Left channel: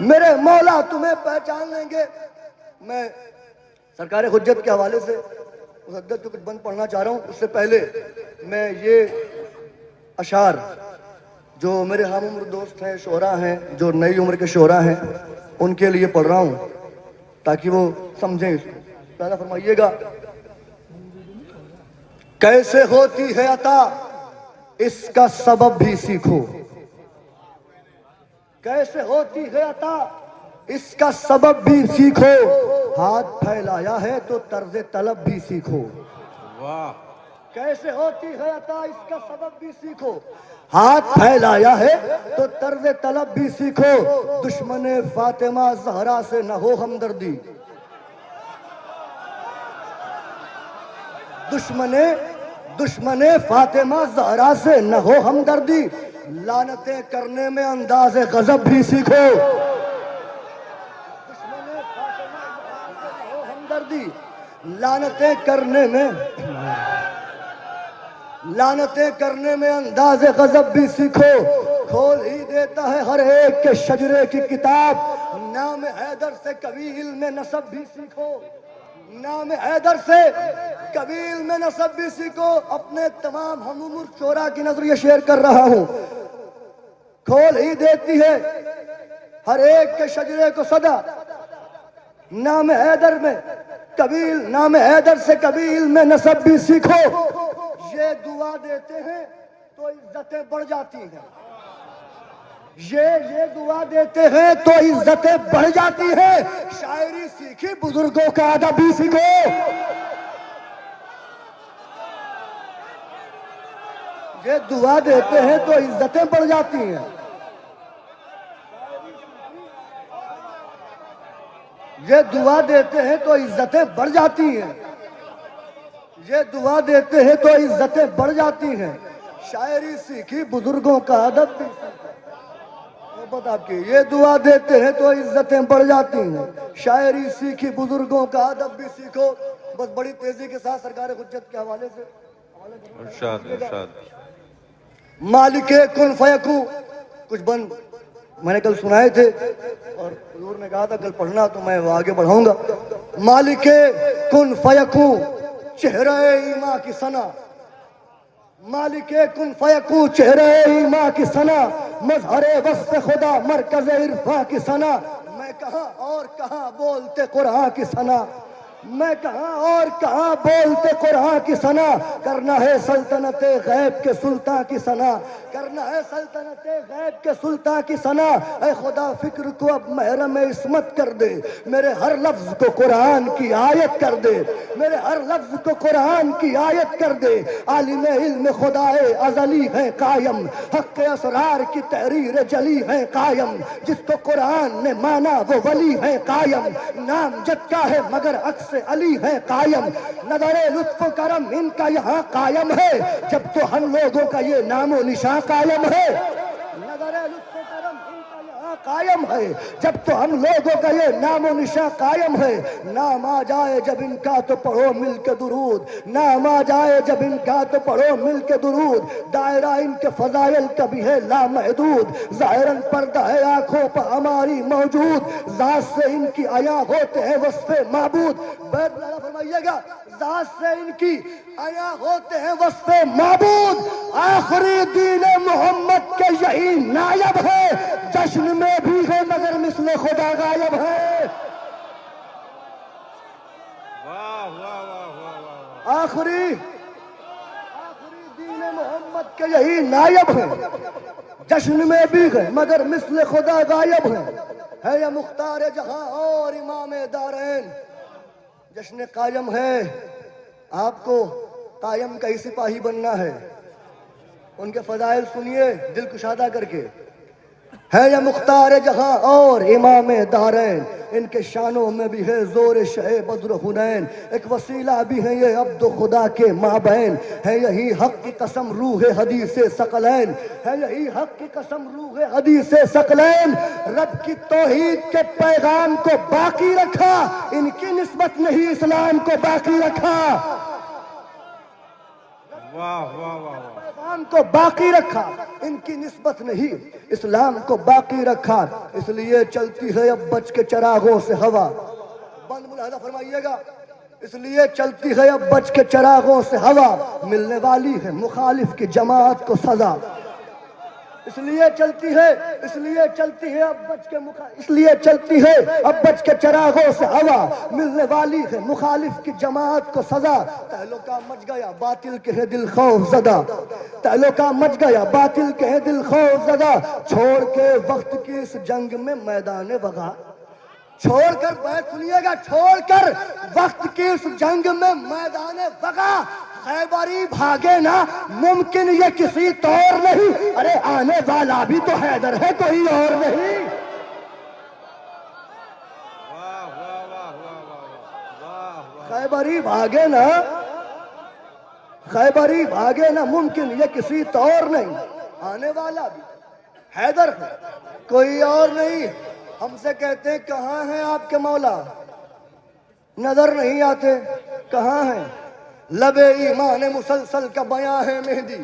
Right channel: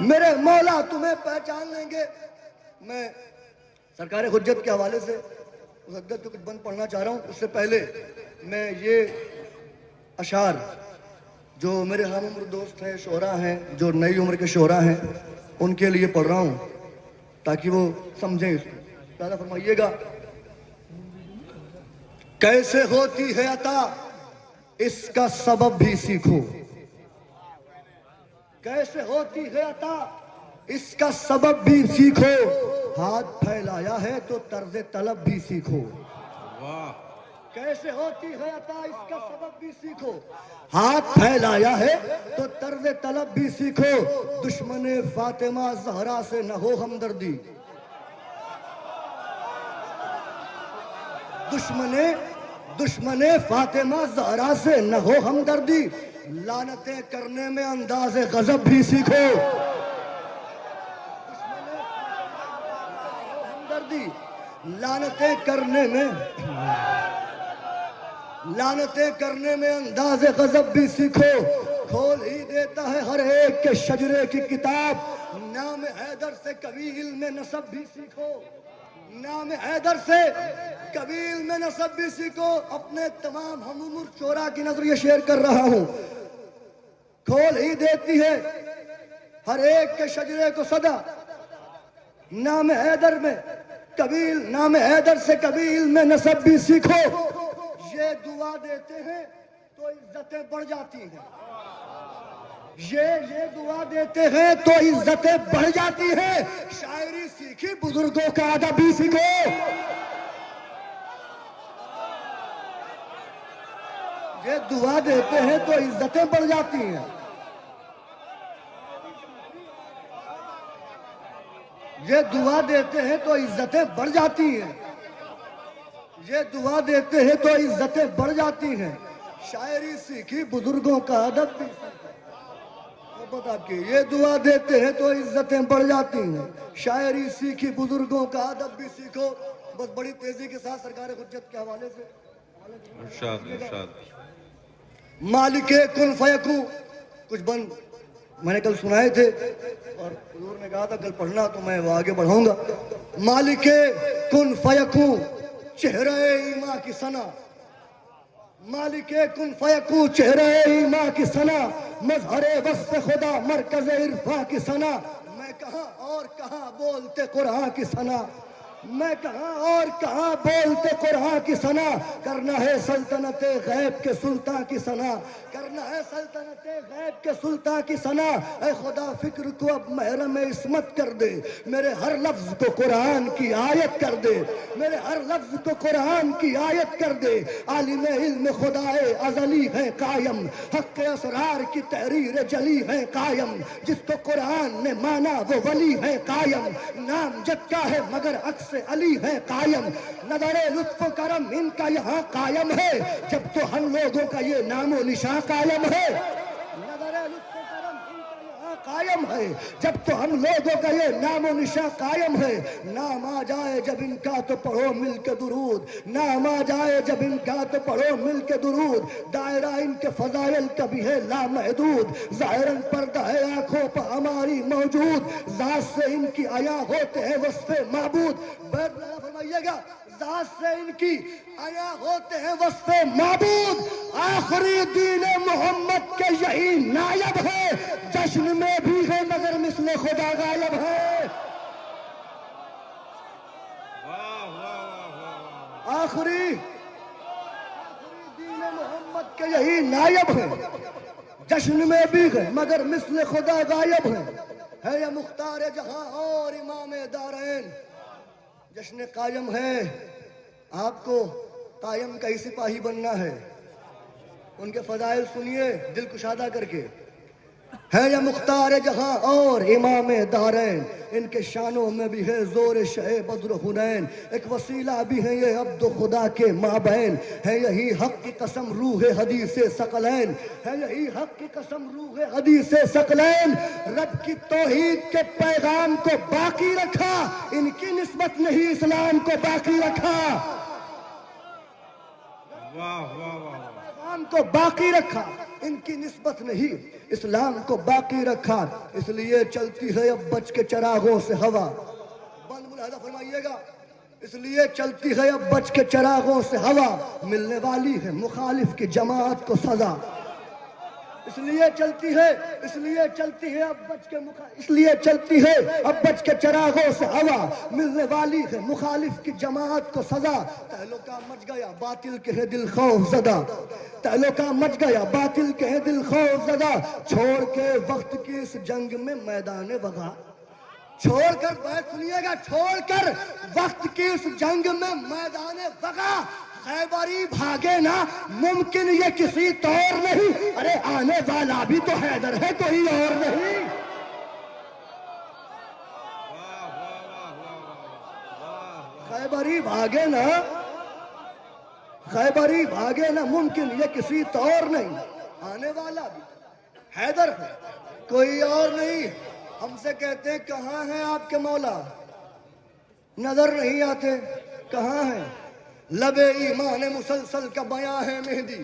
میرے مولا تمہیں پہچان لیں گے. میں سرکار حجت کے حوالے سے مسدد جو کچھ بند پڑھنا چاہ رہا ہوں، اس سے پہلے میں یہ اشعار جو میرے ہم عمر دوست ہیں، شعراء ہیں، جو نئی عمر کے شعراء ہیں، ان کے لیے پڑھ رہا ہوں تاکہ وہ سمجھیں اس کو. پہلا فرمائیے گا. کیسے ہوتی ہے عطا اس کا سبب بھی سیکھو. کیسے ہوتی ہے عطا اس کا سبب بھی سیکھو. ہاتھ پھیلایا ہے تو طرز طلب بھی سیکھو. کیسے ہوتی ہے عطا اس کا سبب بھی سیکھو. ہاتھ پھیلایا ہے تو طرز طلب بھی سیکھو. دشمن فاطمہ زہرا سے نہ ہو ہمدردی. دشمن فاطمہ زہرا سے نہ ہو ہمدردی. لعنتیں کرنے میں انداز غضب بھی سیکھو. دشمن فاطمہ زہرا سے نہ ہو ہمدردی. لعنتیں کرنے میں انداز غضب بھی سیکھو. کھول ہی دیتا ہے ہر ایک کے شجرے کی کتاب. نام حیدر سے کبھی علم نسب بھی سیکھو. نام حیدر سے کبھی علم نسب بھی سیکھو. اپنے تمام ہم عمر شعراء کی نظر یہ شیئر کر رہا ہوں. کھول ہی دیتی ہے ہر ایک کے شجرے کو صدا. نام حیدر سے کبھی علم نسب بھی سیکھو. یہ دعا دیتے ہیں تو عزتیں بڑھ جاتی ہیں. یہ دعا دیتے ہیں تو عزتیں بڑھ جاتی ہیں. شاعری سیکھی بزرگوں کا ادب بھی سیکھو. یہ دعا دیتے ہیں تو عزتیں بڑھ جاتی ہیں. یہ دعا دیتے ہیں تو عزتیں بڑھ جاتی ہیں. یہ دعا دیتے ہیں تو عزتیں بڑھ جاتی ہیں. شاعری سیکھی بزرگوں کا ادب بھی سیکھو. محبت آپ کی. یہ دعا دیتے ہیں تو عزتیں بڑھ جاتی ہیں. شاعری سیکھی بزرگوں کا ادب بھی سیکھو. بس بڑی تیزی کے ساتھ سرکار حجت کے حوالے سے ارشاد. مالک کن فیکون. کچھ بند میں نے کل سنائے تھے اور حضور نے کہا تھا کل پڑھنا تو میں وہ آگے بڑھاؤں گا. مالک کن فیکون چہرہ ایما کی ثنا. مالک کن فیکون چہرہ ایما کی ثنا. مظہر وصف خدا مرکز عرفاں کی ثنا. میں کہاں اور کہاں بولتے قرآن کی ثنا. میں کہاں اور کہاں بولتے قرآن کی ثنا. کرنا ہے سلطنت غیب کے سلطان کی ثنا. کرنا ہے سلطنت غیب کے سلطان کی ثنا. اے خدا فکر کو اب محرم عصمت کر دے. میرے ہر لفظ کو قرآن کی آیت کر دے. میرے ہر لفظ کو قرآن کی آیت کر دے. عالم علم خدائے ازلی ہے قائم. حق اسرار کی تحریر جلی ہے قائم. جس کو قرآن نے مانا وہ ولی ہے قائم. نام جد کا ہے مگر عکس علی ہے قائم. نظر لطف و کرم ان کا یہاں قائم ہے. جب تو ہم لوگوں کا یہ نام و نشان قائم ہے. نظر لطف و کرم ان کا یہاں قائم ہے. جب تو ہم لوگوں کا یہ نام و نشان قائم ہے. نام آ جائے جب ان کا تو پڑھو مل کے درود. نام آ جائے جب ان کا تو پڑھو مل کے درود. دائرہ ان کے فضائل کا بھی ہے لامحدود. ظاہراً پردہ ہے آنکھوں پر ہماری موجود. ذات سے ان کی عیاں ہوتے ہیں وصف معبود. بیت اللہ فرمائیے گا. ذات سے ان کی عیاں ہوتے ہیں وصف معبود. آخری دین محمد کے یہی نائب ہے. جشن میں بھی ہے مگر مثل خدا غائب ہے. آخری دین محمد کے یہی نائب ہے. جشن میں بھی ہے مگر مثل خدا غائب ہے یہ مختار جہاں اور امام دارین. جشن قائم ہے. آپ کو قائم کا ہی سپاہی بننا ہے. ان کے فضائل سنیے دل کشادہ کر کے. ہے یہ مختار جہاں اور امام دارین. ان کے شانوں میں بھی ہے زور شہ بدر حنین. ایک وسیلہ بھی ہے یہ عبد خدا کے مابین. ہے یہی حق کی قسم روح حدیث ثقلین. ہے یہی حق کی قسم روح حدیث ثقلین. رب کی توحید کے پیغام کو باقی رکھا. ان کی نسبت نہیں اسلام کو باقی رکھا. پیغام کو باقی رکھا، ان کی نسبت نہیں، اسلام کو باقی رکھا، اس لیے چلتی ہے اب بچ کے چراغوں سے ہوا۔ بند ملاحظہ فرمائیے گا، اس لیے چلتی ہے اب بچ کے چراغوں سے ہوا، ملنے والی ہے مخالف کی جماعت کو سزا۔ اس لیے چلتی ہے اب بچ کے چراغوں سے ہوا، ملنے والی ہے مخالف کی جماعت کو سزا۔ تہلکہ مچ گیا باطل کے ہے دل خوف زدہ، تہلکہ مچ گیا باطل کے ہے دل خوف زدہ، چھوڑ کے وقت کی اس جنگ میں میدان وغا، چھوڑ کر بیت سنیے گا، چھوڑ کر وقت کی اس جنگ میں میدان وغا، خیبری بھاگے نا ممکن یہ کسی طور نہیں، ارے آنے والا بھی تو حیدر ہے کوئی اور نہیں۔ خیبری بھاگے نا ممکن یہ کسی طور نہیں، آنے والا بھی حیدر ہے کوئی اور نہیں۔ ہم سے کہتے ہیں کہاں ہیں آپ کے مولا، نظر نہیں آتے، کہاں ہیں؟ لبے ایمان مسلسل کا بیاں ہے مہندی،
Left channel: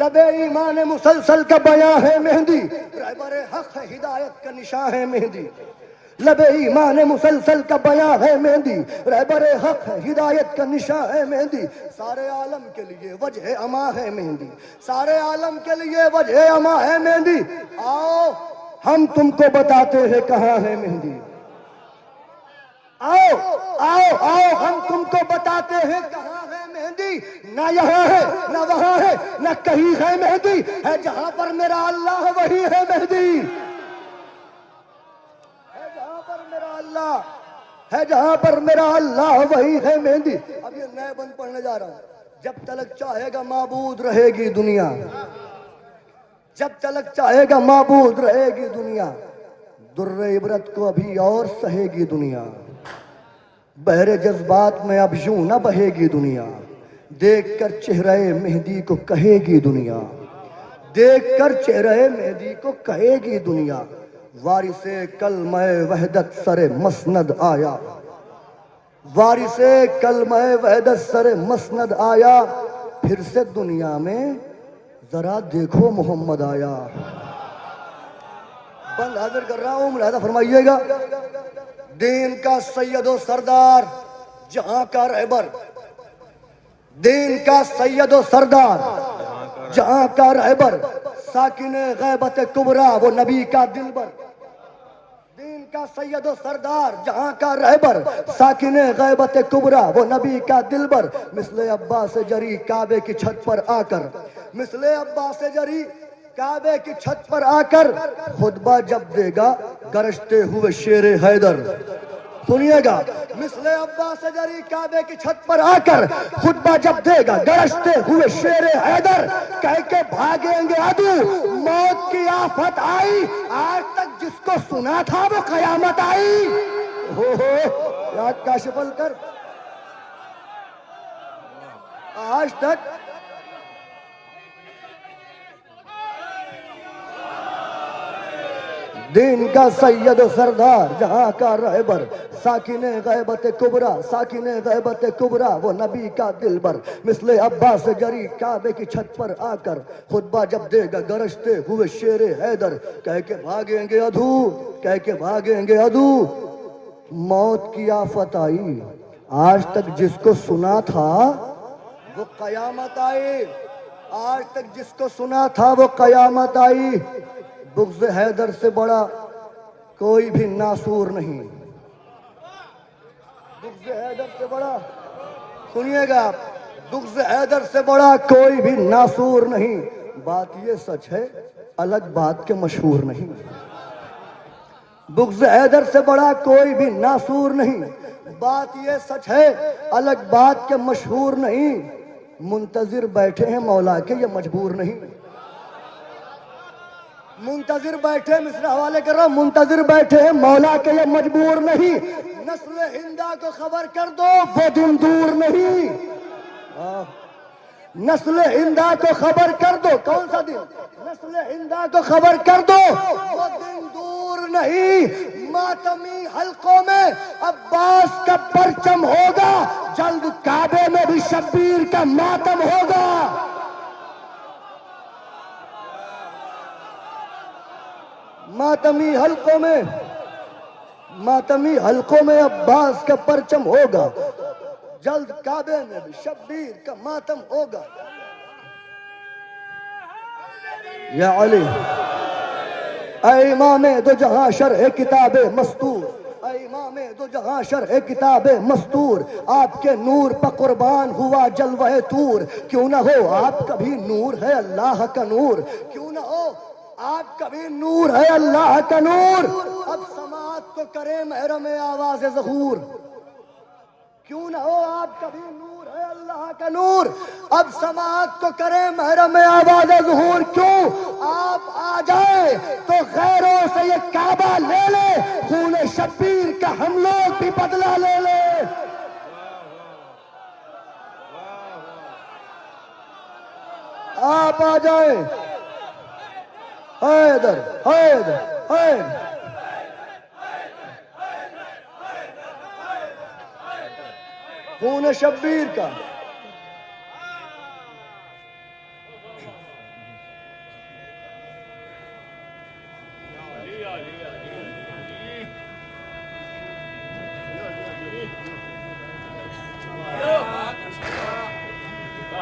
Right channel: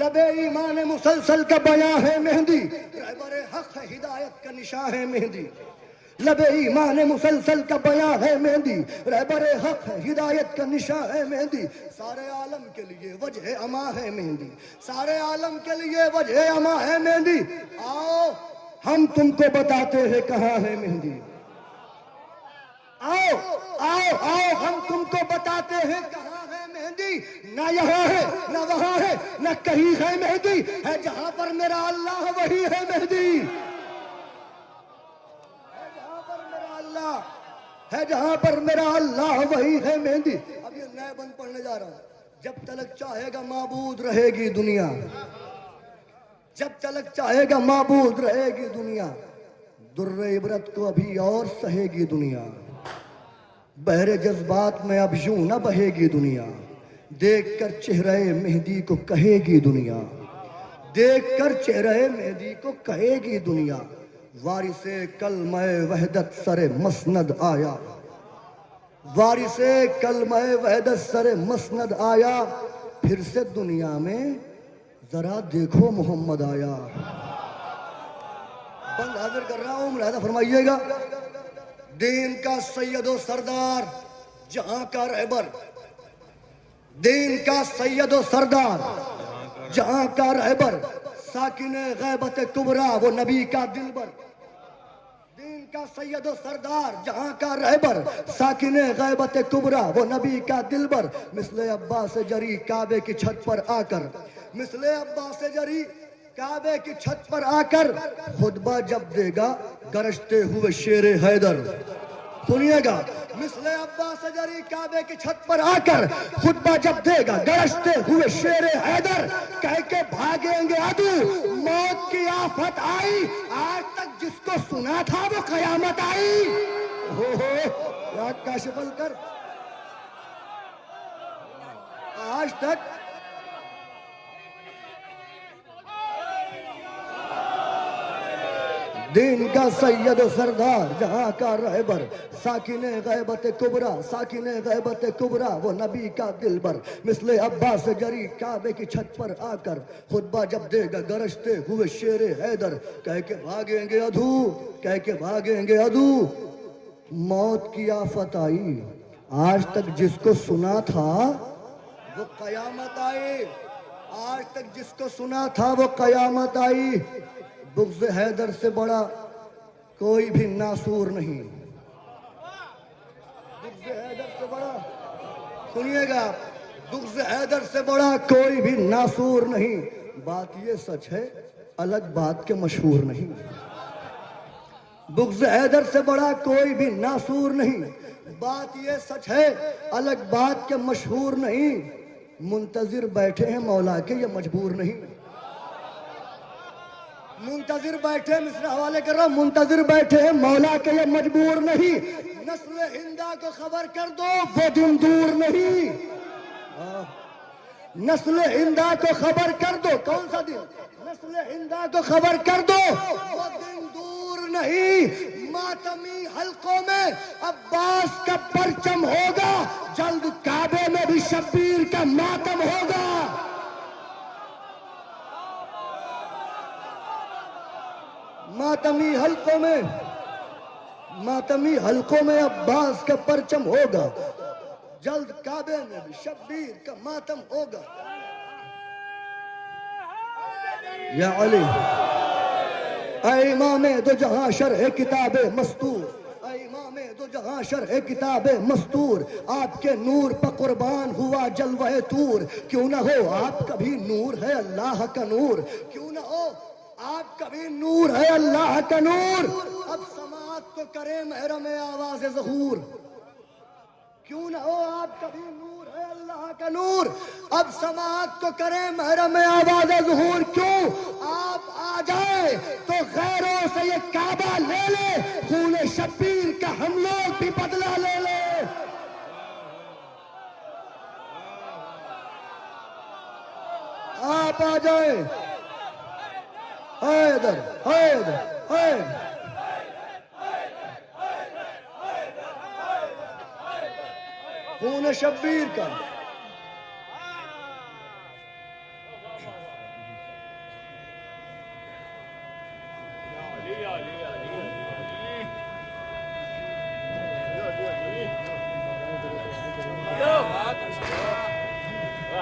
لبے ایمان مسلسل کا بیاں ہے مہندی، رہبر حق ہے ہدایت کا نشاں ہے مہندی، لبے ایمان مسلسل کا بیاں ہے مہندی، رہبر حق ہے ہدایت کا نشاں ہے مہندی، سارے عالم کے لیے وجہ اما ہے مہندی، سارے عالم کے لیے وجہ اما ہے مہندی، آؤ ہم تم کو بتاتے ہیں کہاں ہے مہندی، آؤ آؤ آؤ ہم تم کو بتاتے ہیں کہاں ہے مہندی، نہ یہاں ہے نہ وہاں ہے نہ کہیں ہے مہندی، ہے جہاں پر میرا اللہ وہی ہے مہندی، ہے جہاں پر میرا اللہ وہی ہے مہندی۔ اب یہ نئے بند پڑھنے جا رہا ہوں، جب تلک چاہے گا معبود رہے گی دنیا، جب تلک چاہے گا معبود رہے گی دنیا، در عبرت کو ابھی اور سہے گی دنیا، بحر جذبات میں اب یوں نہ بہے گی دنیا، دیکھ کر چہرہ مہدی کو کہے گی دنیا، دیکھ کر چہرہ مہدی کو کہے گی دنیا، وارث کلمہ وحدت سر مسند آیا، وارث کلمہ وحدت سر مسند آیا، پھر سے دنیا میں ذرا دیکھو محمد آیا۔ بند حاضر کر رہا ہوں، ملاحظہ فرمائیے گا، دین کا سید و سردار جہاں کا رہبر، دین کا سید و سردار جہاں کا رہبر، ساکن غیبت کبریٰ وہ نبی کا دلبر، دین کا سید و سردار جہاں کا رہبر، ساکن غیبت کبریٰ وہ نبی کا دلبر، مثل عباس جری کعبے کی چھت پر آ کر، مثل عباس جری کعبے کی چھت پر آ کر خطبہ جب دے گا گرجتے ہوئے شیر حیدر، سنیے گا، مثل عباس جری کعبے کی چھت پر آ کر خطبہ جب دے گا گرجتے ہوئے شیر حیدر، کہہ کے بھاگیں گے عدو موت کی آفت آئی، آج تک جس کو سنا تھا وہ قیامت آئی، ہو یاد کاشف کر، آج تک دین کا سید و سردار جہاں کا رہبر، ساکن غیبت کبریٰ، ساکن غیبت کبریٰ وہ نبی کا دلبر، مثل عباس جری کعبے کی چھت پر آ کر خطبہ جب دے گا گرجتے ہوئے شیر حیدر، کہہ کے بھاگیں گے عدو، کہہ کے بھاگیں گے عدو موت کی آفت آئی، آج تک جس کو سنا تھا وہ قیامت آئی، آج تک جس کو سنا تھا وہ قیامت آئی، بغض حیدر سے بڑا کوئی بھی ناصور نہیں، بغض حیدر سے بڑا، سنیے گا، بغض حیدر سے بڑا کوئی بھی ناصور نہیں، بات یہ سچ ہے الگ بات کے مشہور نہیں، بغض حیدر سے بڑا کوئی بھی ناصور نہیں، بات یہ سچ ہے الگ بات کے مشہور نہیں، منتظر بیٹھے ہیں مولا کے یہ مجبور نہیں، منتظر بیٹھے، مصرع حوالے کر رہا ہوں، منتظر بیٹھے ہیں مولا کے یہ مجبور نہیں، نسل ہندہ کو خبر کر دو وہ دن دور نہیں، نسل ہندہ کو خبر کر دو، کون سا دن؟ نسل ہندہ کو خبر کر دو وہ دن دور نہیں، ماتمی حلقوں میں عباس کا پرچم ہوگا، جلد کعبے میں بھی شبیر کا ماتم ہوگا۔ ماتمی حلقوں میں عباس کا پرچم ہوگا، جلد کعبے میں بھی شبیر کا ماتم ہوگا۔ یا علی، اے امام دو جہاں شرح کتاب مستور، اے امام دو جہاں شرح کتاب مستور، آپ کے نور پر قربان ہوا جلوہ طور، کیوں نہ ہو آپ کبھی نور ہے اللہ کا نور، کیوں نہ ہو آپ کبھی نور ہے اللہ کا نور، اب سماعت تو کرے محرم آواز ظہور، کیوں نہ ہو آپ کبھی نور ہے اللہ کا نور، اب سماعت تو کرے محرم آواز ظہور، کیوں آپ آ جائیں تو غیروں سے یہ کعبہ لے لے، خون شبیر کا ہم لوگ بھی بدلہ لے لے۔ آپ آ جائیں، حیدر حیدر حیدر، خون شبیر کا۔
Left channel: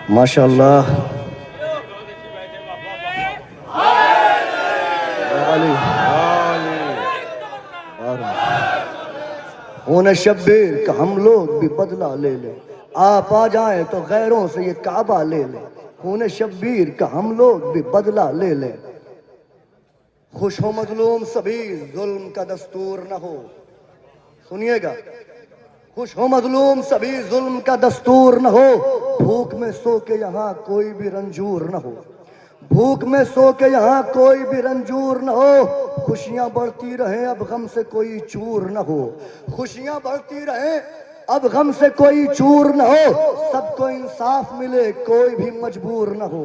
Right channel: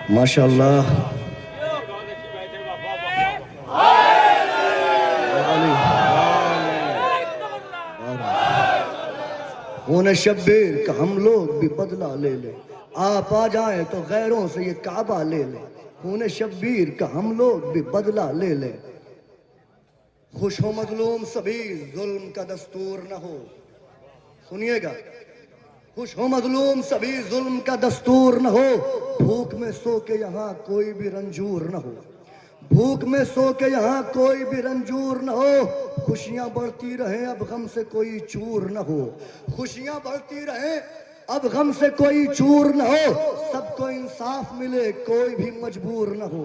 ماشاء اللہ، خون شبیر کا ہم لوگ بھی بدلہ لے لیں، آپ آ جائیں تو غیروں سے یہ کعبہ لے لیں، خون شبیر کا ہم لوگ بھی بدلہ لے لیں۔ خوش ہو مظلوم سبھی ظلم کا دستور نہ ہو، سنیے گا، خوش ہو مظلوم سبھی ظلم کا دستور نہ ہو، بھوک میں سو کے یہاں کوئی بھی رنجور نہ ہو، بھوک میں سو کے یہاں کوئی بھی رنجور نہ ہو، خوشیاں بڑھتی رہیں اب غم سے کوئی چور نہ ہو، خوشیاں بڑھتی رہیں اب غم سے کوئی چور نہ ہو، سب کو انصاف ملے کوئی بھی مجبور نہ ہو۔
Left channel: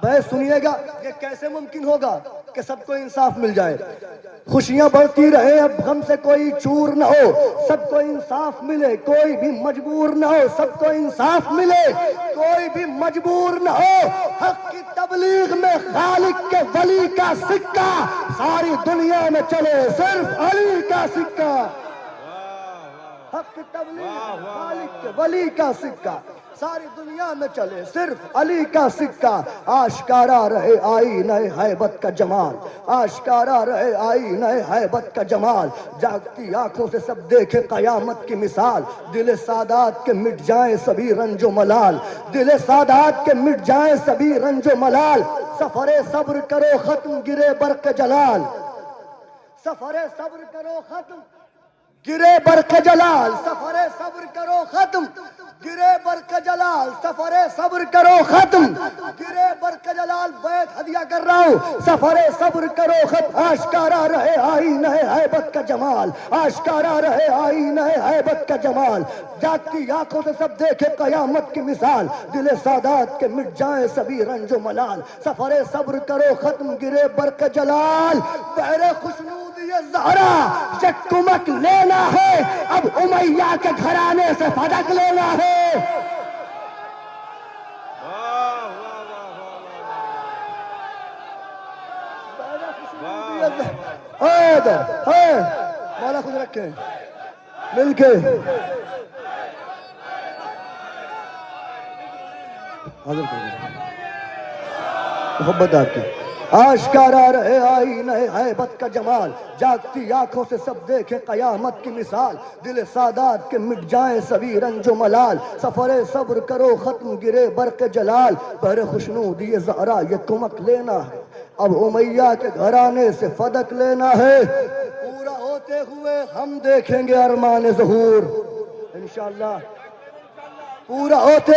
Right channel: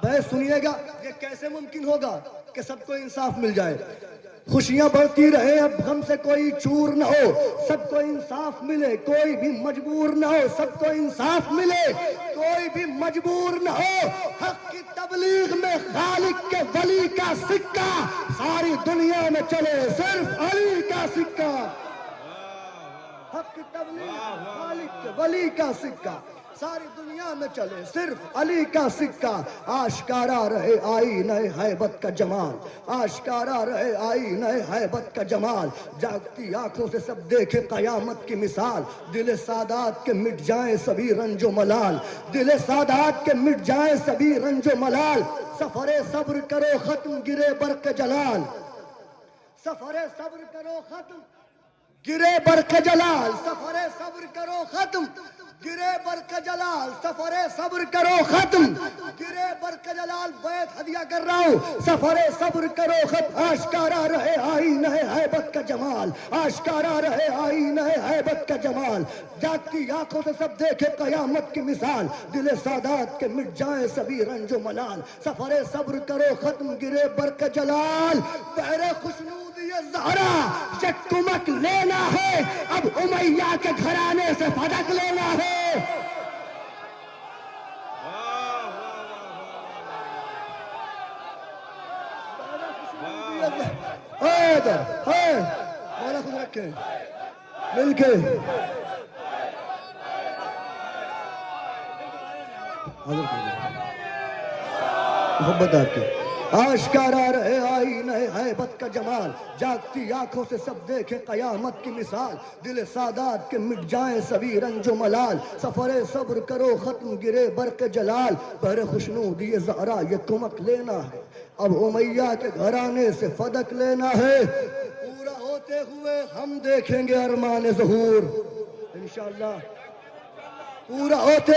بھائی سنیے گا، یہ کیسے ممکن ہوگا کہ سب کو انصاف مل جائے؟ خوشیاں بڑھتی رہے اب غم سے کوئی چور نہ ہو، سب کو انصاف ملے کوئی بھی مجبور نہ ہو، سب کو انصاف ملے کوئی بھی مجبور نہ ہو، حق کی تبلیغ میں خالق کے ولی کا سکہ، ساری دنیا میں چلے صرف علی کا سکہ، حق کی تبلیغ میں خالق کے ولی کا سکہ، ساری دنیا میں چلے صرف علی کا سکہ، آشکارا رہے آئینہ ہیبت کا جمال، آشکارا رہے آئینہ ہیبت کا جمال، جاگتی آنکھوں سے سب دیکھے قیامت کی مثال، دل سادات کے مٹ جائیں سبھی رنج و ملال، دل سادات کے مٹ جائیں سبھی رنج و ملال، سفر صبر کرو ختم گرے برق جلال، سفر صبر کرو ختم گرے برق جلال، سفر صبر کرو ختم گرے برق جلال، سفر صبر کرو ختم گرے برق جلال، بیت ہدیہ کر رہا ہوں، سفر صبر کرو ختم، آشکارا رہے آئینہ ہیبت کا جمال، آشکارا رہے آئینہ ہیبت کا جمال، جاگتی آنکھوں سے سب دیکھے قیامت کی مثال، دل سادات کے مٹ جائیں سبھی رنج و ملال، سفر صبر کرو ختم گرے برق جلال، بہر خوشنود زہرا یہ کمک لینا ہے، اب امیہ کے گھرانے سے پھٹک لینا ہے۔ مولا خود رکھے مل کے محبت آپ کی، آشکارا رہے آئینہ ہیبت کا جمال، جاگتی آنکھوں سے سب دیکھے قیامت کی مثال، دل سادات کے مٹ جائیں سبھی رنج و ملال، سفر صبر کرو ختم گرے برق جلال، بہر خوشنود یہ زہرا یہ کمک لینا ہے، اب امیہ کے گھرانے سے فدق لینا ہے، پورا ہوتے ہوئے ہم دیکھیں گے ارمان ظہور انشاءاللہ، پورا ہوتے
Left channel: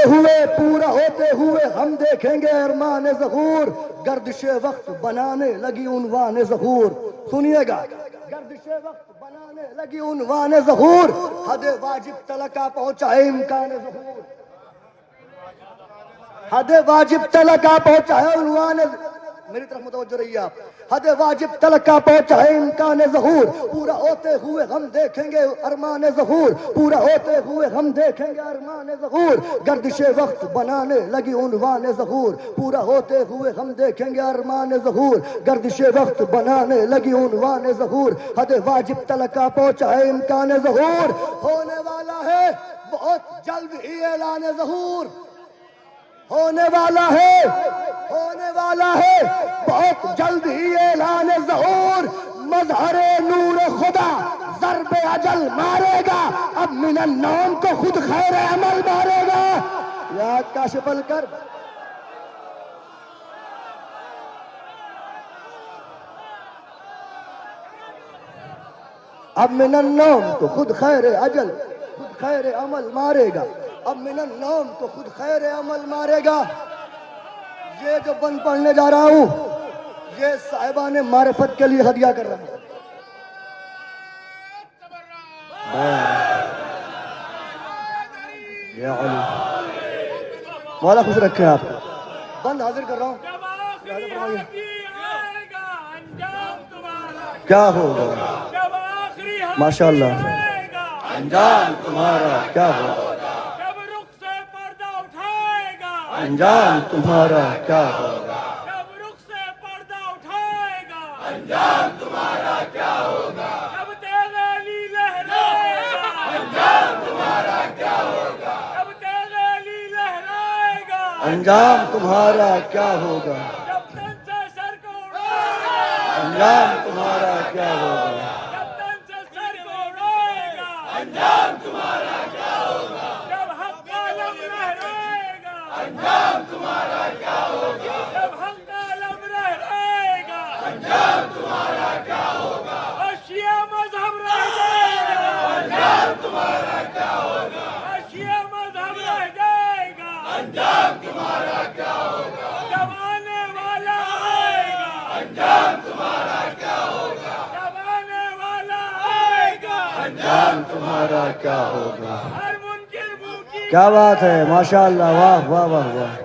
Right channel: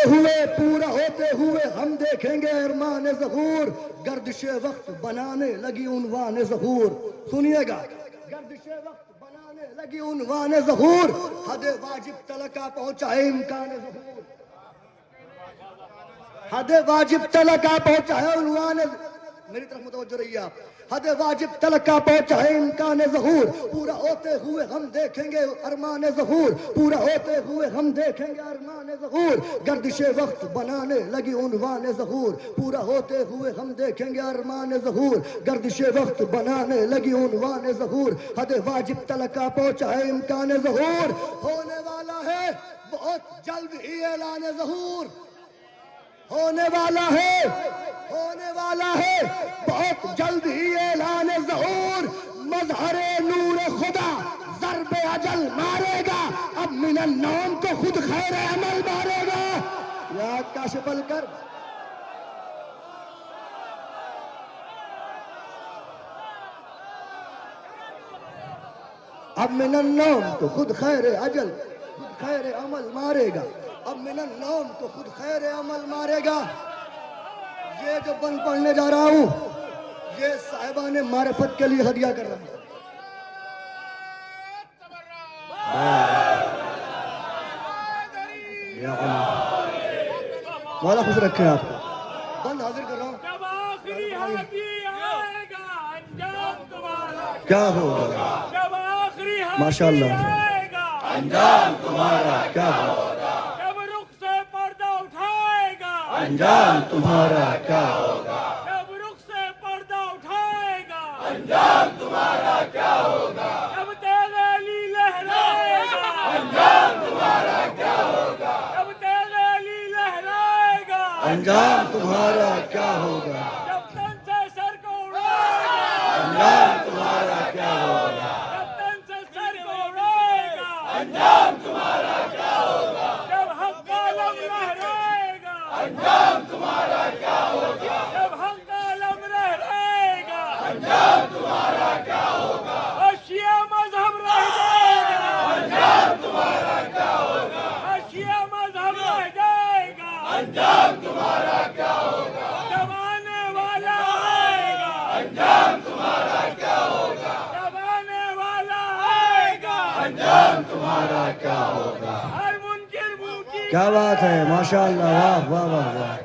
ہوئے ہم دیکھیں گے ارمان ظہور، گردش وقت بنانے لگی عنوان ظہور، سنیے گا، گردش وقت بنانے لگی عنوان ظہور، حد واجب تلقا پہنچائے امکان ظہور، حد واجب تلقا پہنچائے عنوان میری طرف متوجہ رہیے آپ. حد واجب تلقا پہنچا ہے امکان ظہور, پورا ہوتے ہوئے ہم دیکھیں گے ارمان ظہور, پورا ہوتے ہوئے ہم دیکھیں گے ارمان ظہور, گردش وقت بنانے لگی عنوان ظہور, پورا ہوتے ہوئے ہم دیکھیں گے ارمان ظہور, گردش وقت بنانے لگی عنوان ظہور, حد واجب تلقا پہنچا ہے امکان ظہور, ہونے والا ہے بہت جلد ہی اعلان ظہور, ہونے والا ہے بہت جلد ہی اعلان ظہور, مظہر نور خدا ضرب اجل مارے گا, اب من النوم کو خود خیر عمل مارے گا. یا کاشف الکرب, اب من النوم کو خود خیر اجل خود خیر عمل مارے گا, اب من النوم کو خود خیر عمل مارے گا. یہ جو بند پڑھنے جا رہا ہوں یہ صاحبان معرفت کے لیے ہدیہ کر رہا ہوں. یا علی مولا خوش رکھے آپ کو. بند حاضر کر رہا ہوں. کیا ہوگا ماشاء اللہ, انجام تمہارا کیا ہوگا, انجام تمہارا کیا ہوگا, جب رخ سے پردہ اٹھائے گا, انجام تمہارا کیا ہوگا, جب تیغ علی لہرائے گا, انجام تمہارا کیا ہوگا, جب تیغ علی لہرائے گا, انجام تمہارا کیا ہوگا, جب تن سے سر کو اڑائے گا, انجام تمہارا کیا ہوگا, جب تن سے سر کو اڑائے گا, انجام تمہارا کیا ہوگا, جب حق کا علم لہرائے گا, انجام تمہارا کیا ہوگا, جب حق کا علم لہرائے گا, انجام تمہارا کیا ہوگا, اور شیعہ مذہب رہ جائے گا, انجام تمہارا کیا ہوگا, اور شیعہ مذہب رہ جائے گا, انجام تمہارا کیا ہوگا, جب آنے والا آئے گا, انجام تمہارا کیا ہوگا, جب آنے والا آئے گا, انجام تمہارا کیا ہوگا. ہر منکر منہ کی کیا بات ہے, ماشاء اللہ, واہ واہ واہ واہ.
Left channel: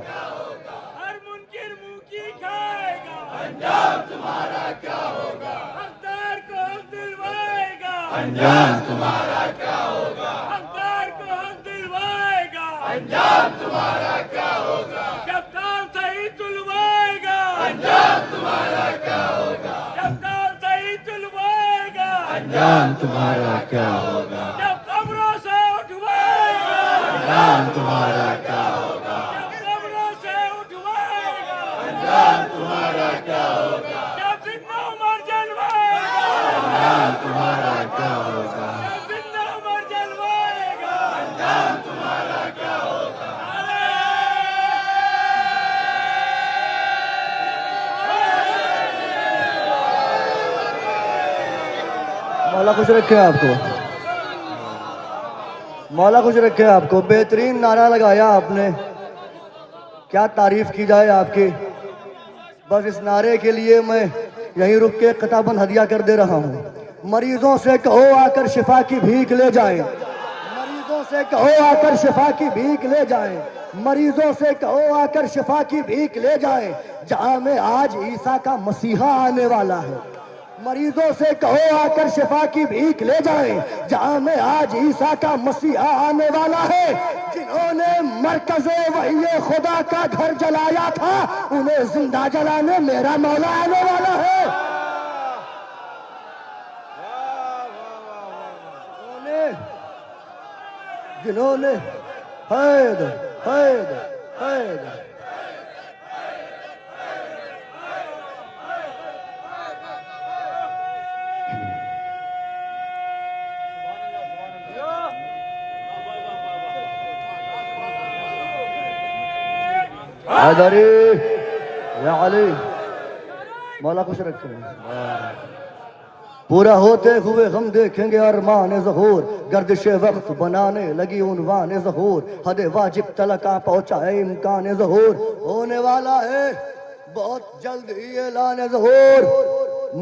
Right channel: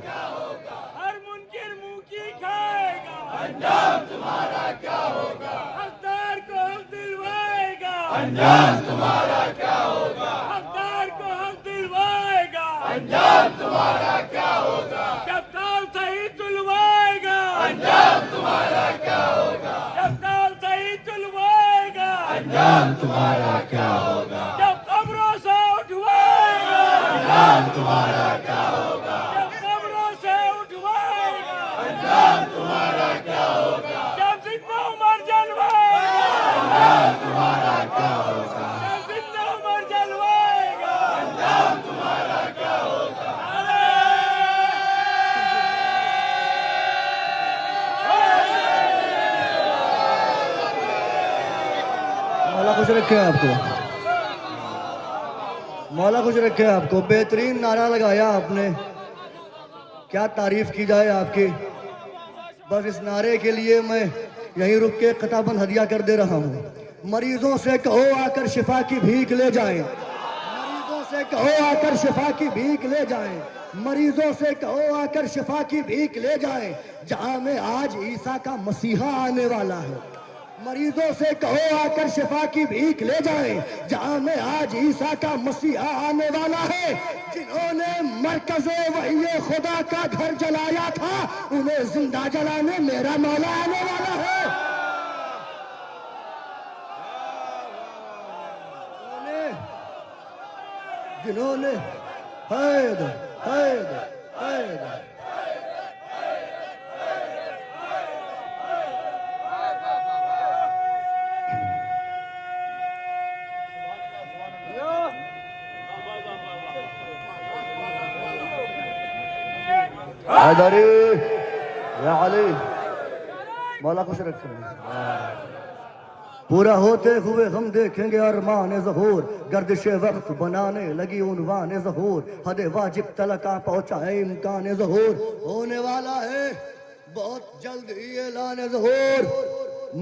ہر منکر منہ کی کھائے گا, انجام تمہارا کیا ہوگا, حقدار کو حق دلوائے گا, انجام تمہارا کیا ہوگا, حقدار کو حق دلوائے گا, انجام تمہارا کیا ہوگا, جب تال صحیح تلوائے گا, انجام تمہارا کیا ہوگا, جب تال صحیح تلوائے گا, انجام تمہارا کیا ہوگا, جب قبروں سے اٹھوائے گا, انجام تمہارا کیا ہوگا, جب قبروں سے اٹھوائے گا, انجام تمہارا کیا ہوگا, جب زندہ عمر جلوائے گا, انجام تمہارا کیا ہوگا, جب زندہ عمر جلوائے گا, انجام تمہارا کیا ہوگا. مولا خوش رکھے آپ کو, مولا خوش رکھے آپ کو. بہترین نعرہ لگایا آپ نے, کیا تعریف کی جائے آپ کی. بس اس نعرے کے لیے میں یہیں رک کے خطاباً ہدیہ کر دے رہا ہوں. مریضوں سے کہو آ کر شفا کی بھیک لے جائیں, مریضوں سے کہو آ کر شفا کی بھیک لے جائیں, مریضوں سے کہو آ کر شفا کی بھیک لے جائیں, جہاں میں آج عیسیٰ کا مسیحا آنے والا ہے. مریضوں سے کہو آ کر شفا کی بھیک لے جائیں, جہاں میں آج عیسیٰ کا مسیحا آنے والا ہے. جنہوں نے مرکز وحی خدا کا گھر جلایا تھا انہیں زندہ جلانے میرا مولا آنے والا ہے. جنہوں نے حیدر حیدر حیدر حیدری علی مولا خوش رکھے. پورا ہوتے ہوئے ہم دیکھیں گے ارمان ظہور, گردش وقت بنانے لگی عنوان ظہور, حد واجب تلقا پہنچا ہے امکان ظہور, ہونے والا ہے بہت جلد ہی اعلان ظہور,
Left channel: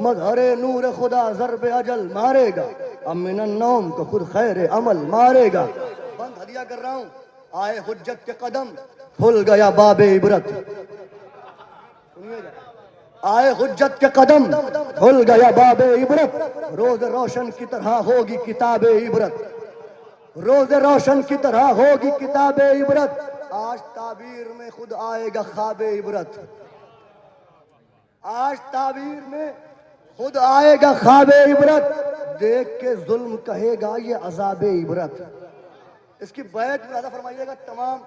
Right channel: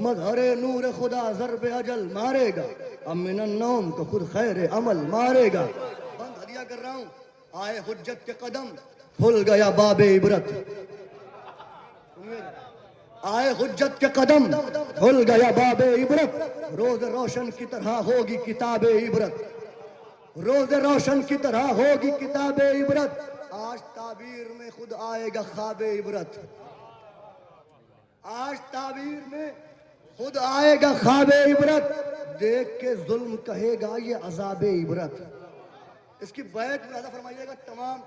مظہر نور خدا ضرب اجل مارے گا, اب من النوم کو خود خیر عمل مارے گا. بند ہدیہ کر رہا ہوں, آئے حجت کے قدم کھل گیا باب عبرت. آئے حجت کے قدم کھل گیا باب عبرت روز روشن کی طرح ہوگی کتاب عبرت روز روشن کی طرح ہوگی کتاب عبرت آج تعبیر میں خود آئے گا خواب عبرت آج تعبیر میں خود آئے گا خواب عبرت دیکھ کے ظلم کہے گا یہ عذاب عبرت اس کی بیعت زیادہ فرمائیے گا تمام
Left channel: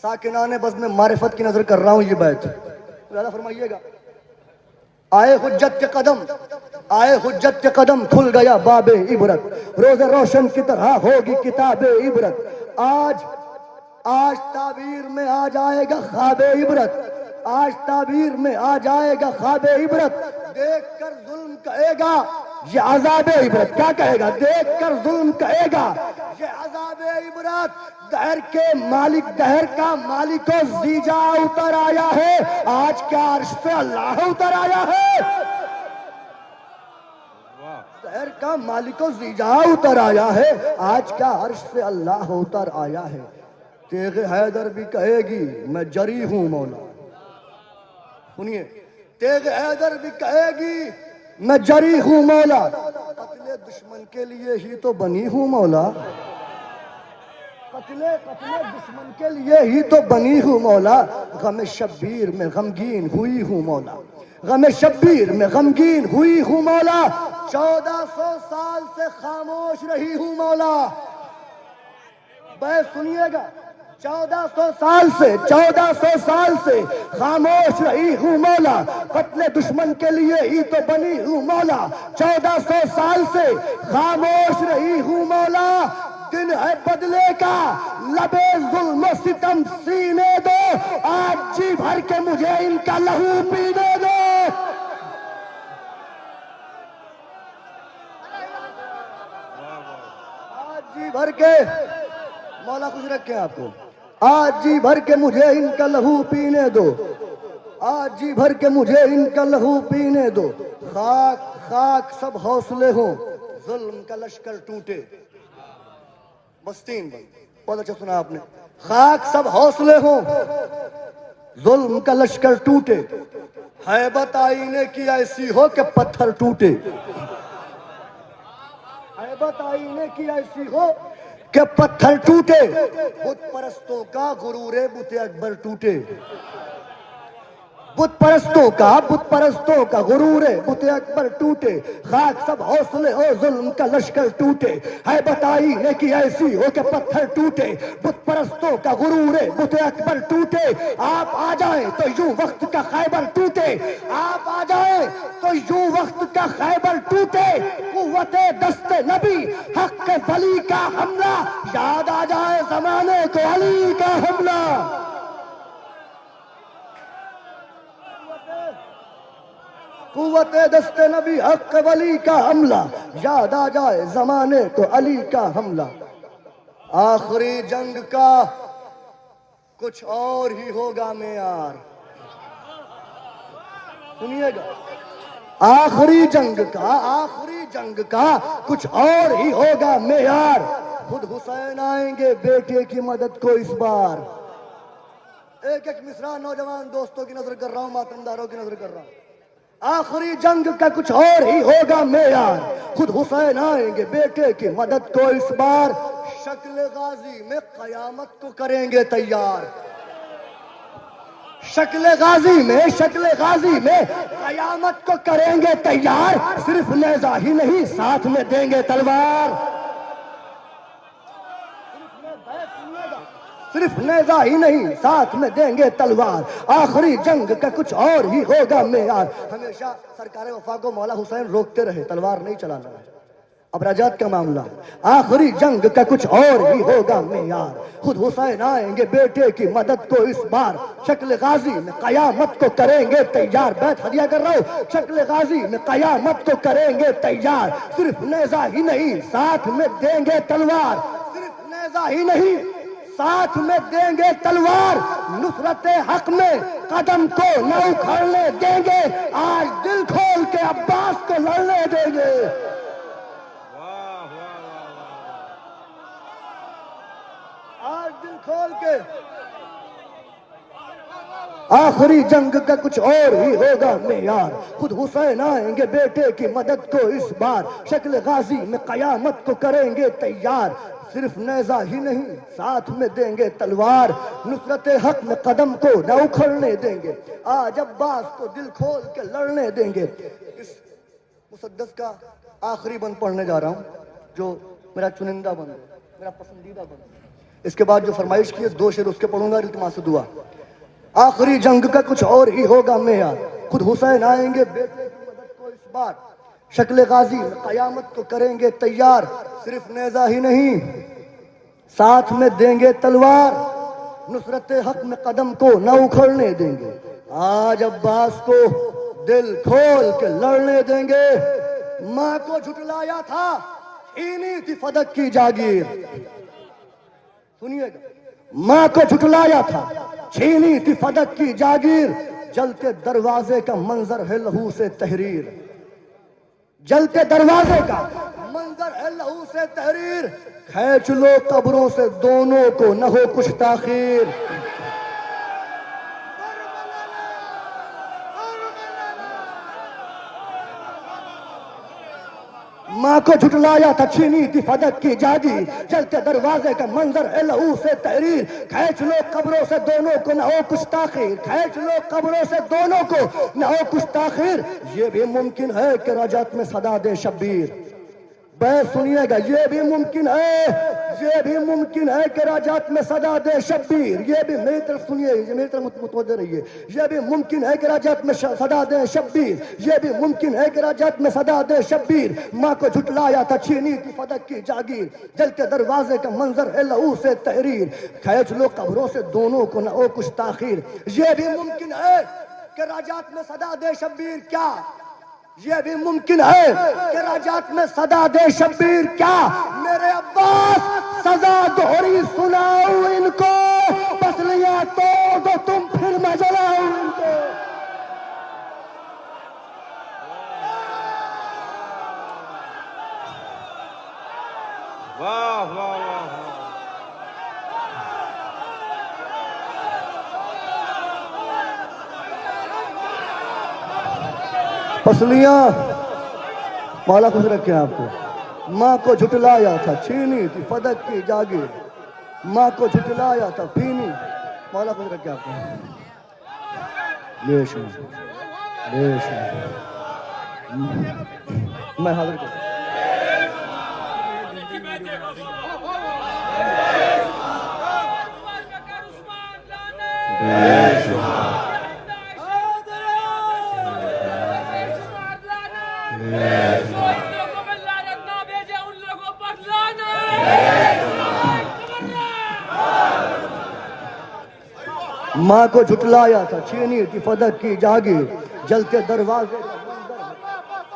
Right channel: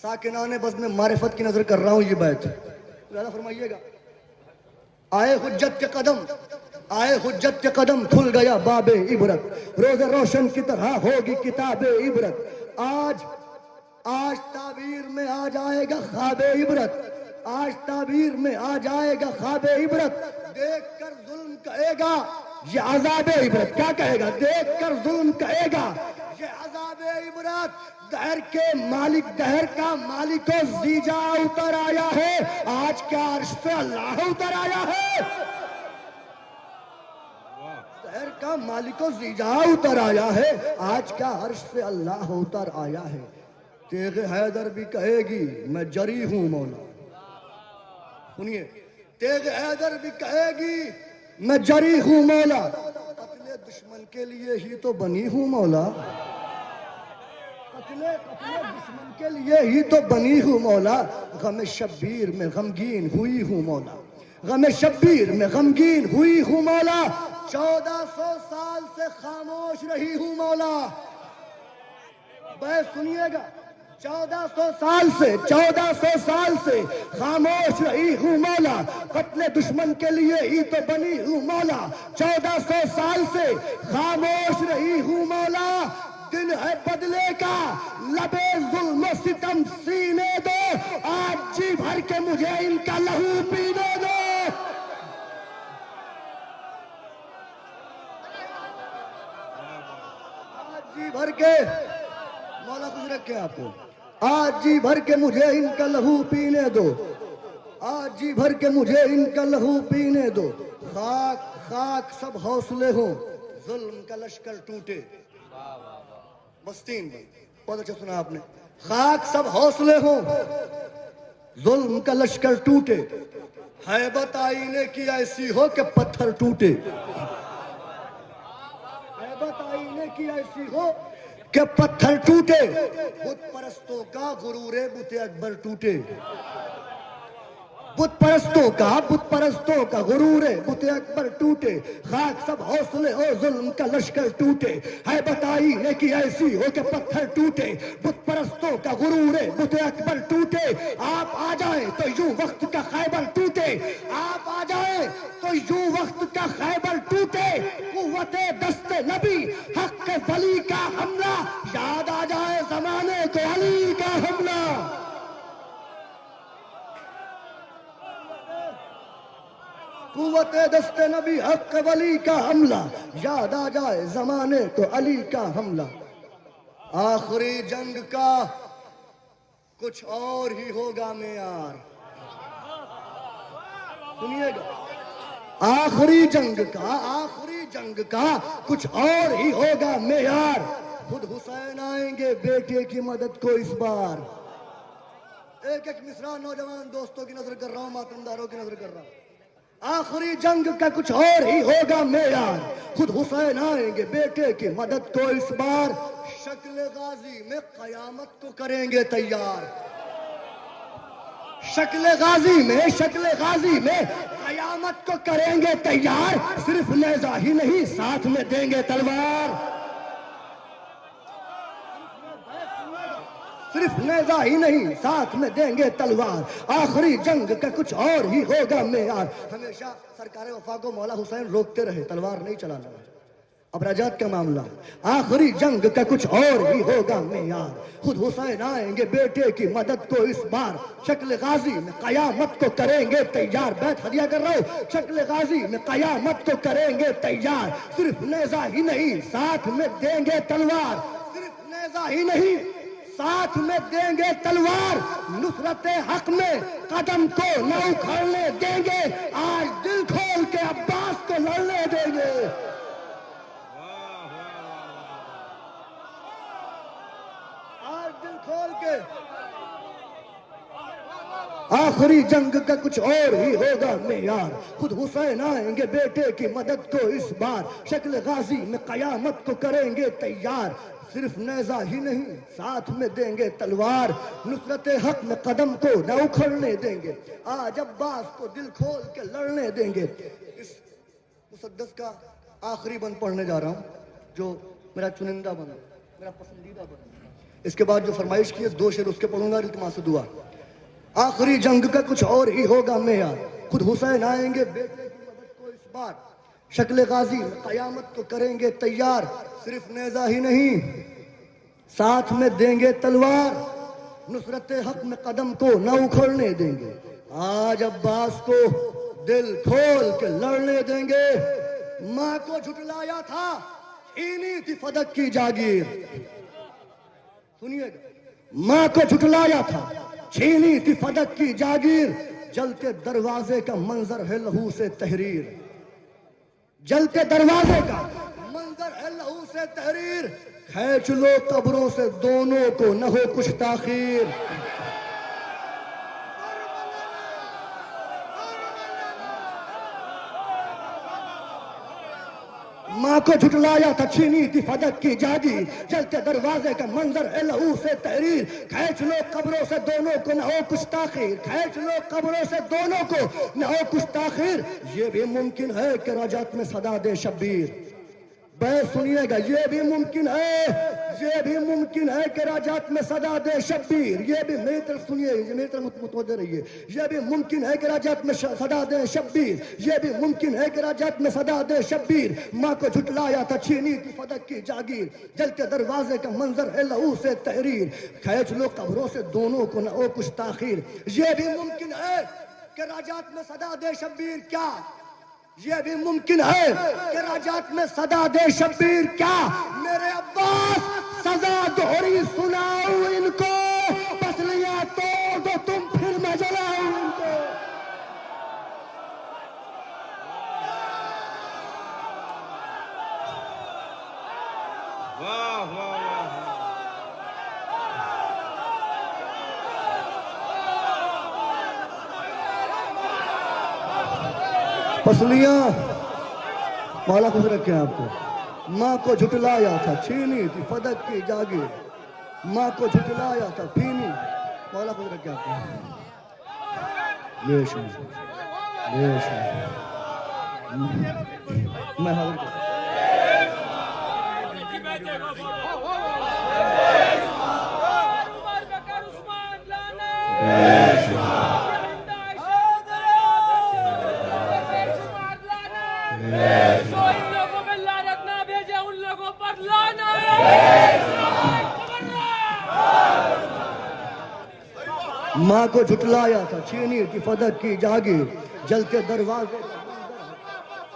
ساکنان بزم معرفت کی نظر کر رہا ہوں یہ بیعت زیادہ فرمائیے گا آئے حجت کے قدم آئے حجت کے قدم کھل گیا باب عبرت روز روشن کی طرح ہوگی کتاب عبرت آج تعبیر میں آ جائے گا خواب عبرت آج تعبیر میں آ جائے گا خواب عبرت دیکھ کر ظلم کہے گا یہ عذاب عبرت کیا کہے گا دیکھ کر ظلم کہے گا یہ عذاب عبرت دہر کے مالک دہر کا مالک و زیجا اتر آیا ہے آج کیا عرش سے اللہ اتر آیا ہے دہر کا مالک و زیجا اتر آیا ہے آج کیا عرش سے اللہ اتر آیا ہے تیغ حیدر بھی کہے گی میں جری ہوں مولا سنیے تیغ حیدر بھی کہے گی میں جری ہوں مولا قتل دشمن کے لیے ہی تو بنی ہوں مولا قتل دشمن کے لیے ہی تو بنی ہوں مولا غم شبیر میں غمگین ہوئی ہوں مولا غم شبیر میں غمگین ہوئی ہوں مولا 1400 سال سے خاموش رہی ہوں مولا بے سنیے گا 1400 سال سے خاموش رہی ہوں مولا قتل دشمن کے لیے ہی تو بنی ہوں مولا 1400 سال سے خاموش رہی ہوں مولا دن ہے بدلے کا لبے ظلم و ستم سینے دو آج جی بھر کے مجھے ان کا لہو پینے دو آج جی بھر کے مولا کچھ رکھیں آپ کو آج جی بھر کے مجھے ان کا لہو پینے دو آج جی بھر کے مجھے ان کا لہو پینے دو خاک خاک سب حوصلے ہوں ظلم کا لشکر ٹوٹے بستین بہت اچھا سنا آپ نے خاک سب حوصلے ہوں ظلم کا لشکر ٹوٹے ہیبت آئینے کی ایسی ہو کہ پتھر ٹوٹے ہیبت آئینے کی ایسی ہو کہ پتھر ٹوٹے بت پرستوں کا غرور بت اکبر ٹوٹے بت پرستوں کا غرور بت اکبر ٹوٹے خاک سب حوصلے ہو ظلم کا لشکر ٹوٹے ہے بتائی ہے کہ ایسی ہو کہ پتھر ٹوٹے بت پرستوں کا غرور بت اکبر ٹوٹے آپ آ جائیں تو یوں وقت کا خیبر ٹوٹے آپ آ جائیں تو یوں وقت کا خیبر ٹوٹے قوت دست نبی حق ولی کا حملہ یاد آ جائے زمانے کو علی کا حملہ قوت دست نبی حق ولی کا حملہ یاد آ جائے زمانے کو علی کا حملہ آخری جنگ کا کچھ اور ہی ہوگا معیار سنیے گا آخری جنگ کا کچھ اور ہی ہوگا معیار خود حسین آئیں گے بیٹے کی مدد کو اس بار ایک ایک مصرع نوجوان دوستوں کی نظر کر رہا ہوں ماتمداروں کی نظر کر رہا ہوں آخری جنگ کا کچھ اور ہی ہوگا معیار خود حسین آئیں گے بیٹے کی مدد کو اس بار شکل غازی میں قیامت کو کریں گے تیار شکل غازی میں قیامت کو کریں گے تیار صرف نیزہ ہی نہیں ساتھ میں دیں گے تلوار صرف نیزہ ہی نہیں ساتھ میں دیں گے تلوار آخری جنگ کا کچھ اور ہی ہوگا معیار ہمیشہ سرکار وفا کو مولا حسین روکتے رہے تلوار نہیں چلانا ہے اب رجعت کا معاملہ آخری جنگ کا کچھ اور ہی ہوگا معیار خود حسین آئیں گے بیٹے کی مدد کو اس بار شکل غازی میں قیامت کو کریں گے تیار بیت ہدیہ کر رہا ہوں شکل غازی میں قیامت کو کریں گے تیار صرف نیزہ ہی نہیں ساتھ میں دیں گے تلوار صرف نیزہ ہی نہیں ساتھ میں دیں گے تلوار نصرت حق میں قدم کو نہ اکھڑنے دیں گے آج دل کھول کے عباس کو لڑنے دیں گے آج دل کھول کے آخری جنگ کا کچھ اور ہی ہوگا معیار، خود حسین آئیں گے بیٹے کی مدد کو اس بار، شکل غازی میں قیامت کو کریں گے تیار، صرف نیزہ ہی نہیں ساتھ میں دیں گے تلوار، نصرت حق میں قدم کو نہ اکھڑنے دیں گے، آج عباس کو دل کھول کے لڑنے دیں گے۔ اس مسدس کا آخری بند پڑھنے جا رہا ہوں جو میرا چنندہ بند ہے، میرا پسندیدہ بند ہے۔ اس کے بعد جو فرمائش کی ہے 2 شعر اس کے پڑھوں گا، التماس دعا۔ آخری جنگ کا کچھ اور ہی ہوگا معیار، خود حسین آئیں گے بیٹے کی مدد کو اس بار، شکل غازی میں قیامت کو کریں گے تیار، صرف نیزہ ہی نہیں ساتھ میں دیں گے تلوار، نصرت حق میں قدم کو نہ اکھڑنے دیں گے، آج عباس کو دل کھول کے لڑنے دیں گے، ماں کو جھٹلایا تھا چھینی تھی فدق کی جاگیر، سنیے گا، ماں کو جھٹلایا تھا چھینی تھی فدق کی جاگیر، جلتے دروازے کا منظر ہے لہو سے تحریر، جلتے دروازے کا منظر ہے لہو سے تحریر، کھینچ لو قبروں سے دونوں کو نہ ہو کچھ تاخیر، ماں کو جھٹلایا تھا چھینی تھی فدق کی جاگیر، جلتے دروازے کا منظر ہے لہو سے تحریر، کھینچ لو قبروں سے دونوں کو نہ ہو کچھ تاخیر، کھینچ لو قبروں سے دونوں کو نہ ہو کچھ تاخیر، یہ بھی ممکن ہے کہ رجعت میں صدا دے شبیر، بس سنیے گا، یہ بھی ممکن ہے کہ رجعت میں صدا دے شبیر، یہ بھی میری طرف سنیے، یہ میری طرف متوجہ رہیے، یہ بھی ممکن ہے کہ رجعت میں صدا دے شبیر، یہ بھی ممکن ہے کہ رجعت میں صدا دے شبیر، ماں کو جھٹلایا تھا چھینی تھی فدق کی جاگیر، جلتے دروازے کا منظر ہے لہو سے تحریر، کھینچ لو قبروں سے دونوں کو نہ ہو کچھ تاخیر، یہ بھی ممکن ہے کہ رجعت میں صدا دے شبیر، کیا یہ بھی ممکن ہے کہ رجعت میں صدا دے شبیر، کیا میرے عباس سزا دوہری سناؤ ان کو، پسلیاں توڑ دو تم پھر میں جلاؤ ان کو، واہ واہ واہ، پسلیاں مولا خوش رکھے آپ کو، ماں کو جھٹلایا تھا چھینی تھی فدق کی جاگیر، ماں کو جھٹلایا تھا پھینی، مولا خوش رکھے آپ کو، بے شک بے شک، میں حاضر کرتا ہوں۔ ماں کو جھٹلایا تھا چھینی تھی فدق کی جاگیر، جلتے دروازے کا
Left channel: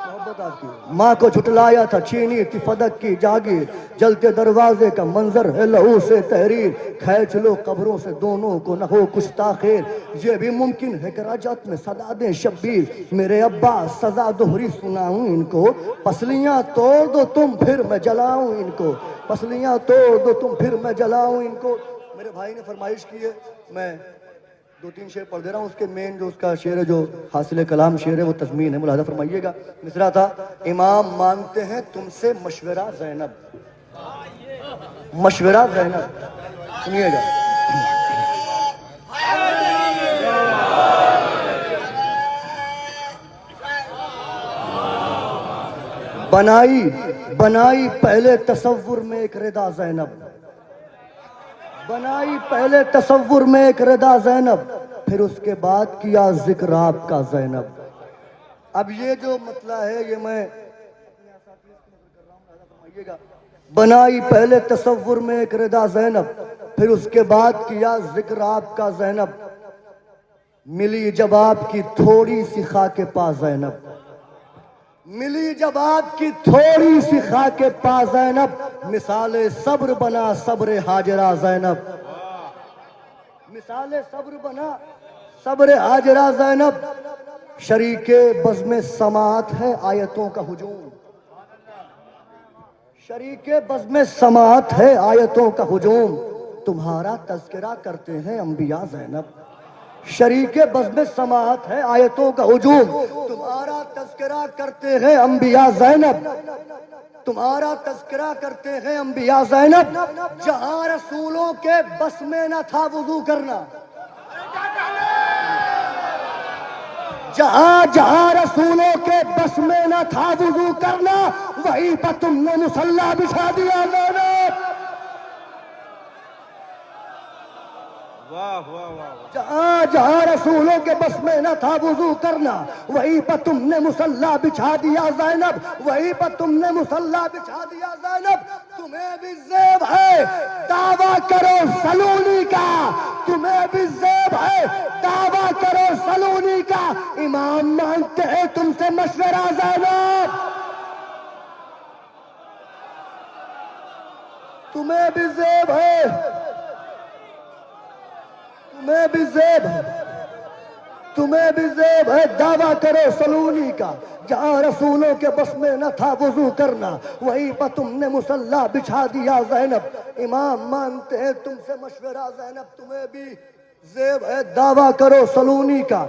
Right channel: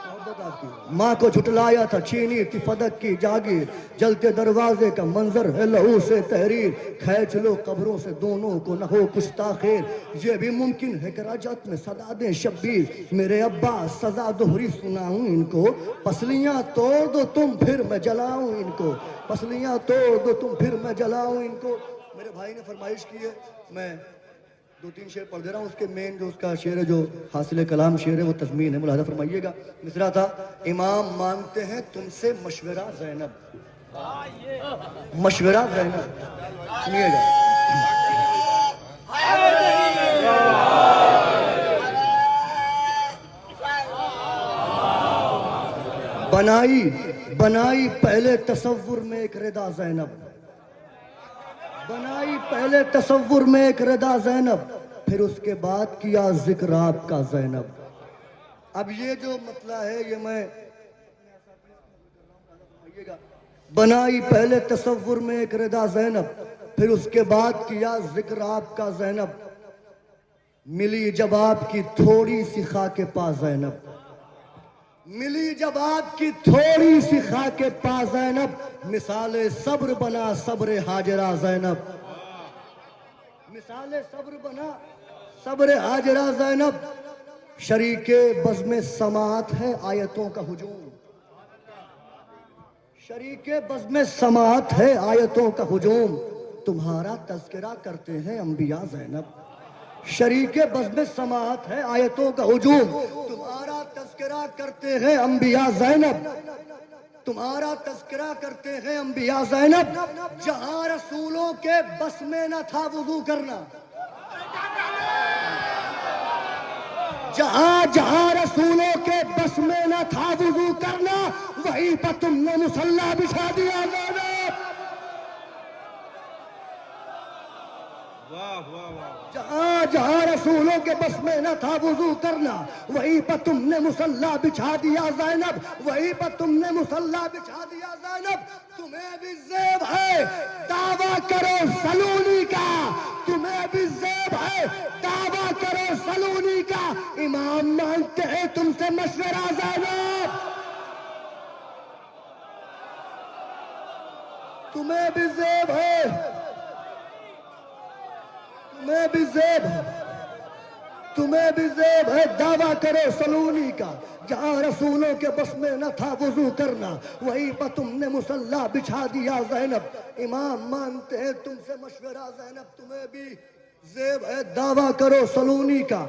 محبت آپ کی، ماں کو جھٹلایا تھا چھینی تھی فدق کی جاگیر، جلتے دروازے کا منظر ہے لہو سے تحریر، کھینچ لو قبروں سے دونوں کو نہ ہو کچھ تاخیر، یہ بھی ممکن ہے کہ رجعت میں صدا دیں شبیر، میرے عباس سزا دوہری سناؤں ان کو، پسلیاں توڑ دو تم پھر میں جلاؤں ان کو، پسلیاں توڑ دو تم پھر میں جلاؤں ان کو۔ میرے بھائی نے فرمائش کی ہے، میں 2-3 شعر پڑھ دے رہا ہوں، اس کے مین جو اس کا شعر ہے، جو حاصل کلام شعر ہے، وہ تضمین ہے، ملاحظہ فرمائیے گا۔ مصرع تھا، امام مانگتے ہیں تم سے مشورہ زینب، مشورہ زینب، سنیے گا، بنائی پہلے تصور میں ایک ردا زینب، بنائی پہلے تصور میں ایک ردا زینب، پھر اس کے بعد کیا ذکر آپ کا زینب۔ اب یہ جو مطلع ہے یہ میں بنائی پہلے تصور میں ایک ردا زینب، پھر اس کے بعد کیا ذکر آپ کا زینب، ملی جب آپ کی تھوڑی سی خاک پا زینب، ملی جب آپ کی تھوڑی سی خاک پا زینب، مثال صبر بنا صبر ہاجرہ زینب، مثال صبر بنا صبر ہاجرہ زینب، شریک بزم سماعت ہے آیتوں کا ہجوم، شریک بزم سماعت ہے آیتوں کا ہجوم، تمہارا تذکرہ کرتے ہیں انبیاء زینب، شریک بزم سماعت ہے آیتوں کا ہجوم، تمہارا تذکرہ کرتے ہیں انبیاء زینب، تمہارا تذکرہ کرتے ہیں انبیاء زینب، جہاں رسولوں کے بس میں نہ تھا وضو کرنا، جہاں جہاں رسولوں کے بس میں نہ تھا وضو کرنا، وہیں پر تم نے مصلی بچھا دیا زینب، واہ واہ واہ، جہاں جہاں رسولوں کے بس میں نہ تھا وضو کرنا، وہیں پر تم نے مصلی بچھا دیا زینب، وہیں پر تم نے مصلی بچھا دیا زینب، تمہیں بھی زیب ہے دعویٰ کرو سلونی کا، تمہیں بھی زیب ہے دعویٰ کرو سلونی کا، امام مانگتے ہیں تم سے مشورہ زینب، تمہیں بھی زیب ہے، تمہیں بھی زیب ہے، تمہیں بھی زیب ہے دعویٰ کرو سلونی کا، جہاں رسولوں کے بس میں نہ تھا وضو کرنا، وہیں پر تم نے مصلی بچھا دیا زینب، امام مانتے ہیں تم سے مشورہ زینب، تمہیں بھی زیب ہے دعویٰ کرو سلونی کا،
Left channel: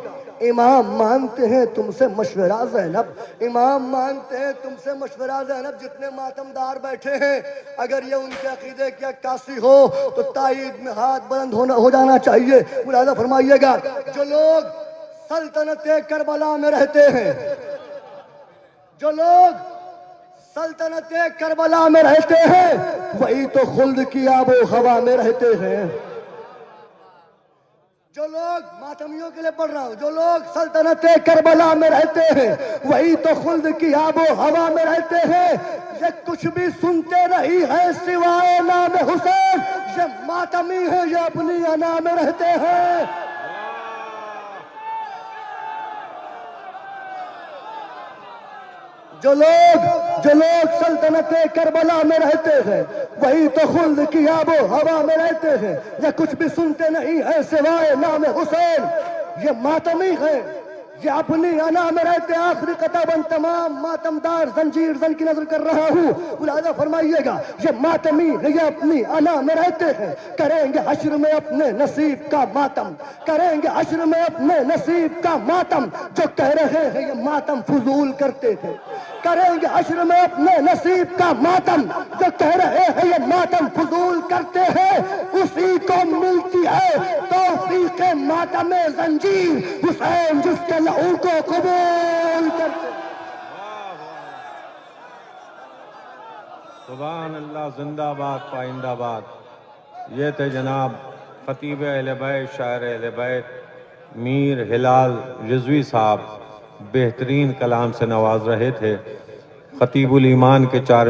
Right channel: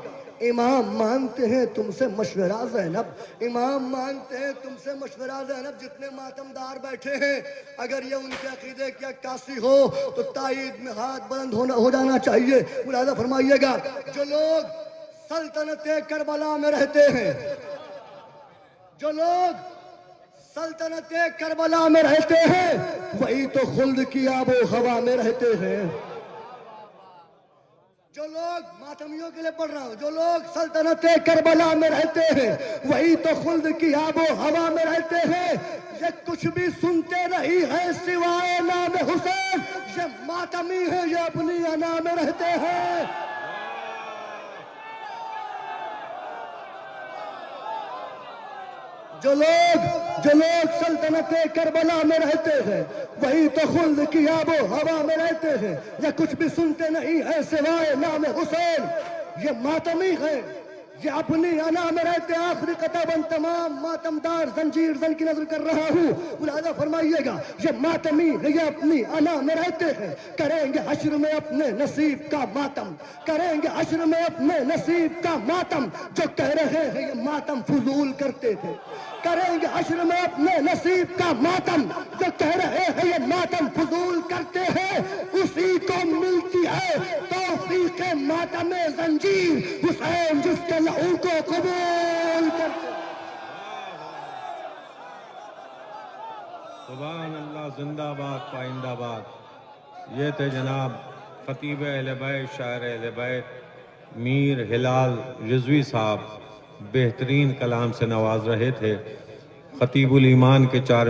امام مانتے ہیں تم سے مشورہ زینب، امام مانتے ہیں تم سے مشورہ زینب، جتنے ماتمدار بیٹھے ہیں اگر یہ ان کے عقیدے کی عکاسی ہو تو تائید میں ہاتھ بلند ہو جانا چاہیے، ملاحظہ فرمائیے گا، جو لوگ سلطنت کربلا میں رہتے ہیں، جو لوگ سلطنت کربلا میں رہتے ہیں وہی تو خلد کی آب و ہوا میں رہتے ہیں، جو لوگ ماتمیوں کے لیے پڑھ رہا ہوں، جو لوگ سلطنت کربلا میں رہتے ہیں وہی تو خلد کی آب و ہوا میں رہتے ہیں، یہ کچھ بھی سنتے نہیں ہیں سوائے نام حسین، یہ ماتمی ہیں یہ اپنی انا میں رہتے ہیں، جو لوگ سلطنت کربلا میں رہتے ہیں وہی تو خلد کی آب و ہوا میں رہتے ہیں، یہ کچھ بھی سنتے نہیں ہیں سوائے نام حسین، یہ ماتمی ہیں یہ اپنی انا میں رہتے ہیں، آخری قطع بند تمام ماتمدار زنجیر زن کی نظر کر رہا ہوں، ملاحظہ فرمائیے گا، یہ ماتمی ہیں یہ اپنی انا میں رہتے ہیں، کریں گے حشر میں اپنے نصیب کا ماتم، کریں گے حشر میں اپنے نصیب کا ماتم، جو کہہ رہے ہیں یہ ماتم فضول کرتے تھے، کریں گے حشر میں اپنے نصیب کا ماتم، جو کہہ رہے ہیں یہ ماتم فضول کرتے ہیں، اسی کو ملتی ہے توفیق ماتم زنجیر، حسین جس کے لہو کو قبول کرتے ہیں، سبحان اللہ، زندہ باد پائندہ باد۔ یہ تھے جناب خطیب اہل بیت، شاعر اہل بیت میر ہلال رضوی صاحب، بہترین کلام سے نواز رہے تھے، خطیب الایمان کے 4